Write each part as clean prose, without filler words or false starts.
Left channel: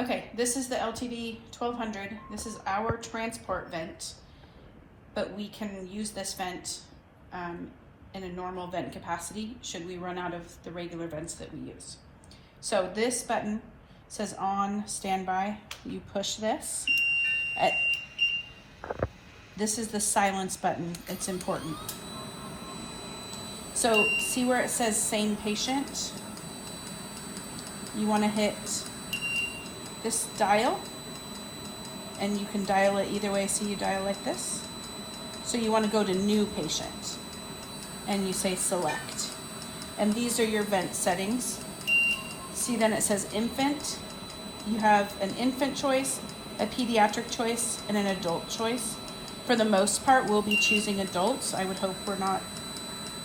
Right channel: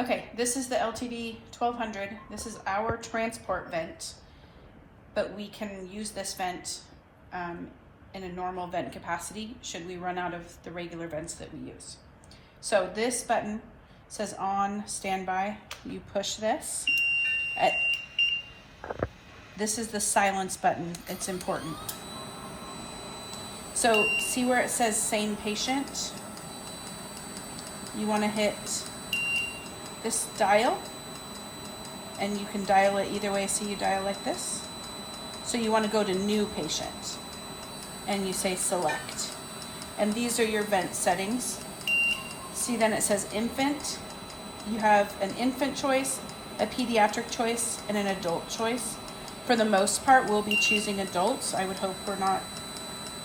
Okay, this is the LTV 1200. This is our transport vent, but we can use this vent in a normal vent capacity should we run out of the regular vents that we use. So this button says on standby. You push this. This is the silence button. It's important. So see where it says sane patient? You want to hit this dial, and you can dial it either way. So you dial like this. So you want to go to new patient, and you say select. And these are your vent settings. See, then it says infant. You have an infant choice, a pediatric choice, and an adult choice. For the most part, we'll be choosing adults. I would hope we're not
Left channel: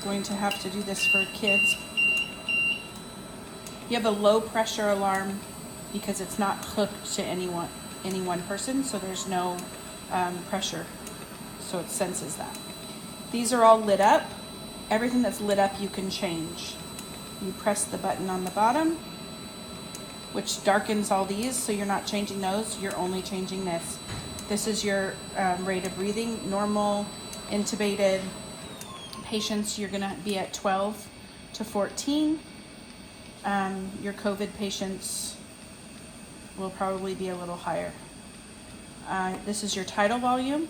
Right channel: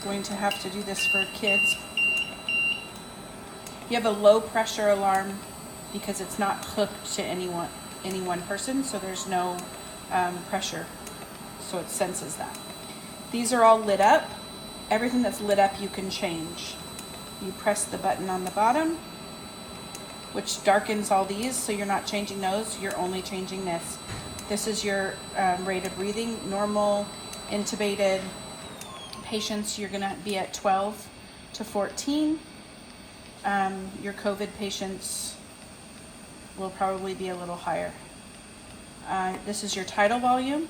going to have to do this for kids. You have a low pressure alarm because it's not hooked to any one person, so there's no pressure, so it senses that. These are all lit up. Everything that's lit up you can change. You press the button on the bottom, which darkens all these, so you're not changing those, you're only changing this. This is your rate of breathing. Normal intubated patients, you're gonna be at 12 to 14. Your COVID patients will probably be a little higher. This is your tidal volume.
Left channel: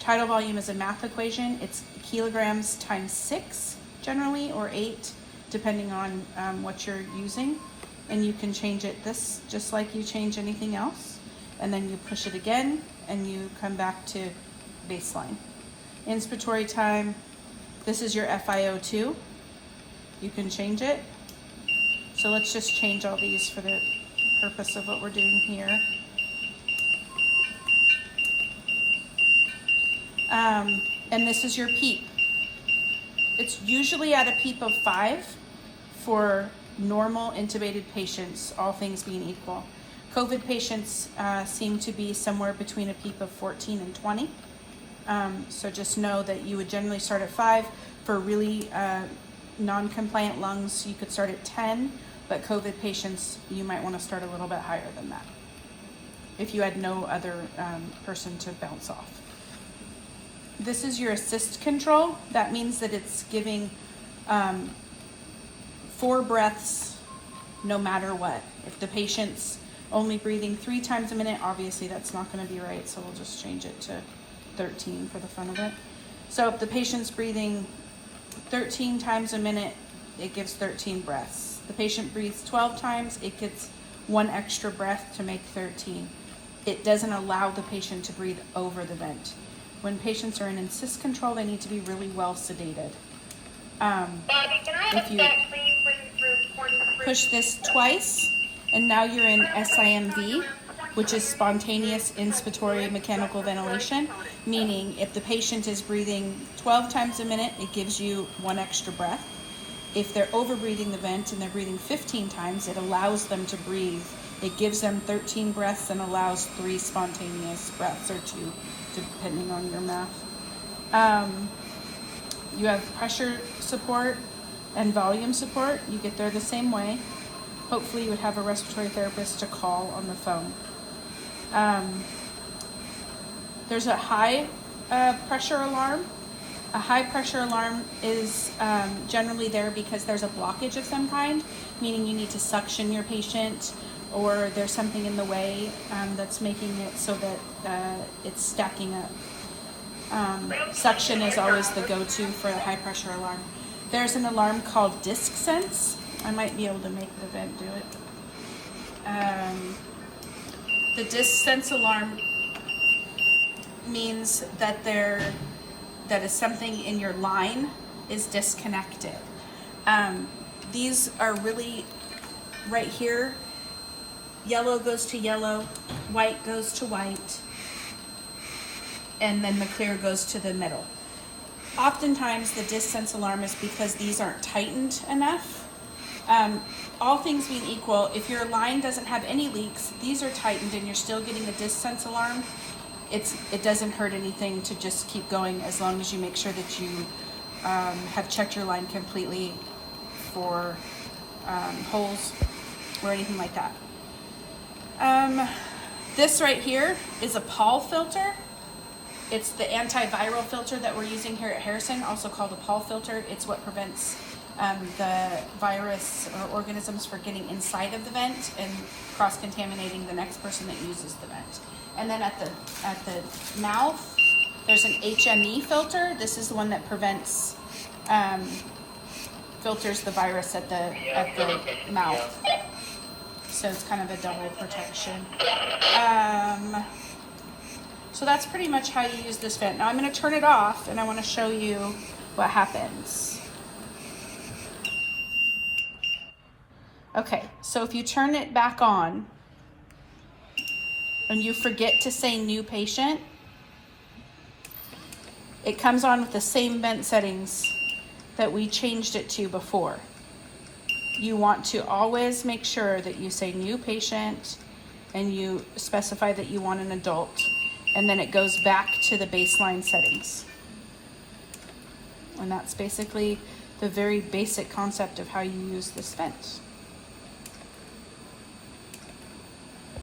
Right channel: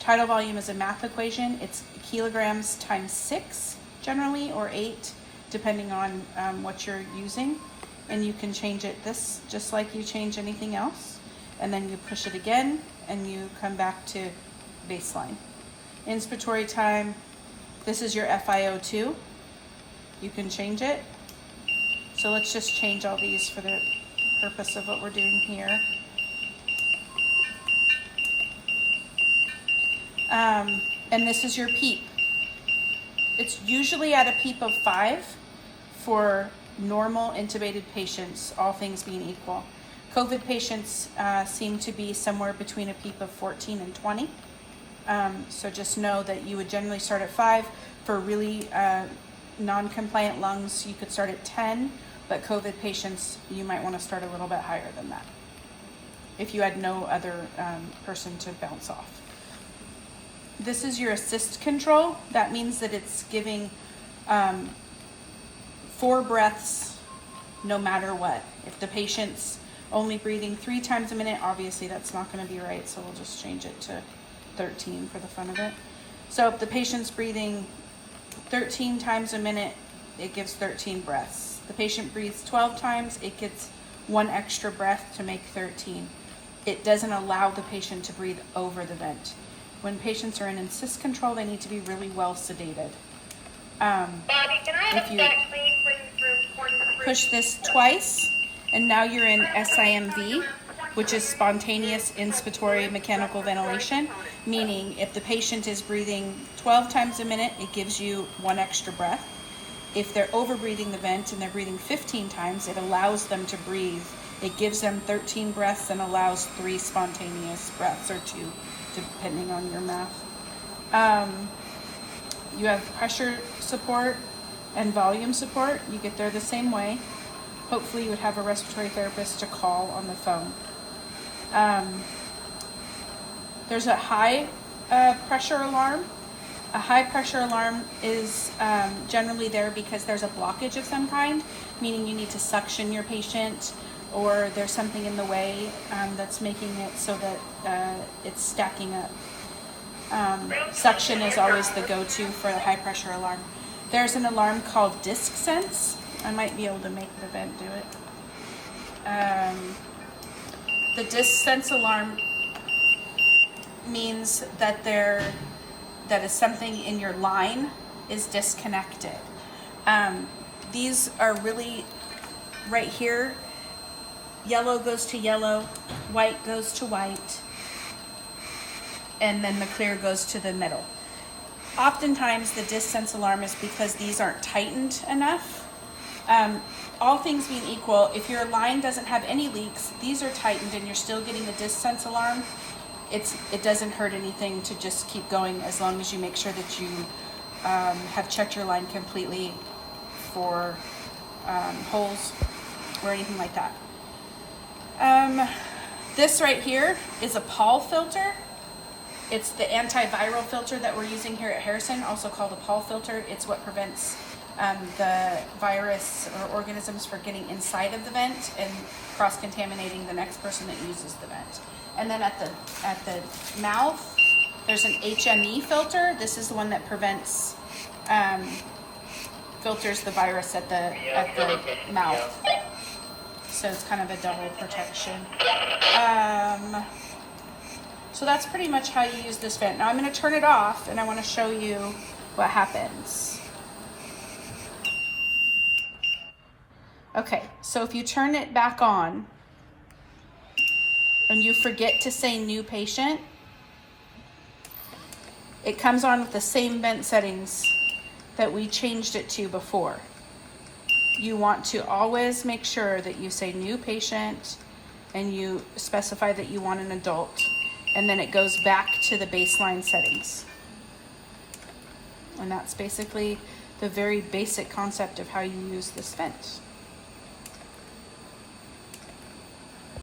Tidal volume is a math equation. It's kilograms times 6 generally, or 8, depending on what you're using. And you can change it this just like you change anything else. And then you push it again and you come back to baseline. Inspiratory time, this is your FiO2. You can change it. So let's just change all these for the purpose of what we're doing here. And this is your PEEP. It's usually at a PEEP of 5 for normal intubated patients, all things being equal. COVID patients seem to be somewhere between a PEEP of 14 and 20. So just know that you would generally start at 5. For really non-compliant lungs, you could start at 10, but COVID patients, you might want to start a little bit higher than that if you had no other person to bounce off. This is your assist control. That means that it's giving 4 breaths no matter what. If the patient's only breathing 3 times a minute, obviously that's not going to be right, so we'll just change it to 13 for the fun of it. So if the patient's breathing 13 times a minute, it gives 13 breaths. The patient breathes 12 times, it gets 1 extra breath to make 13. It doesn't allow the patient to breathe over the vent. When patients are in assist control, they need to be really well sedated. If you push this twice, and now you're in SIMV, which is spontaneous inspiratory mechanical ventilation, meaning if the patient is breathing 12 times a minute, it gives you 1 extra breath. If they're over breathing the vent and they're breathing 15 times, it allows them to breathe. It gives them 13 breaths and allows 3 spontaneous breaths, or 2, depending on your math. You have pressure support and volume support. You get there the same way. Hopefully you would have a respiratory therapist to call on the phone. There's a high pressure alarm. A high pressure alarm is generally there because there's a blockage of some kind, meaning you need to suction your patient, or there's something in the way that's making it so that it's stacking up. Suction is always the go-to for a high pressure alarm. There's an alarm called Disc Sense. I might be able to make the vent do it. The Disc Sense alarm means that that is something in your line is disconnected. These are really right here. Yellow goes to yellow, white goes to white, and then the clear goes to the middle. Oftentimes the Disc Sense alarm is because these aren't tightened enough. All things being equal, if your line doesn't have any leaks, these are tightened and you're still getting the Disc Sense alarm, it doesn't hurt anything to just keep going, as long as you make sure that you have checked your line completely for holes or anything like that. This right here is a Paul filter. It's the antiviral filter that we're using here at Harrison, also called a Paul filter. It's what prevents the virus or organisms from getting inside of the vent and cross-contaminating the next person that uses the vent. And then at the mouth, there's an HME filter. This is the one that filters the virus at the mouth. So it's kind of a double protection. So that's pretty much how you use this vent. Now I'm going to turn it off and I want to show you what happens. Okay, so if you turn it back on and you forget to say new patient, it comes on with the same vent settings that we changed it to before. You want to always make sure that you say new patient and you specify that you want an adult, and then it goes back to the baseline settings. And that's basically the very basic concept of how you use this vent.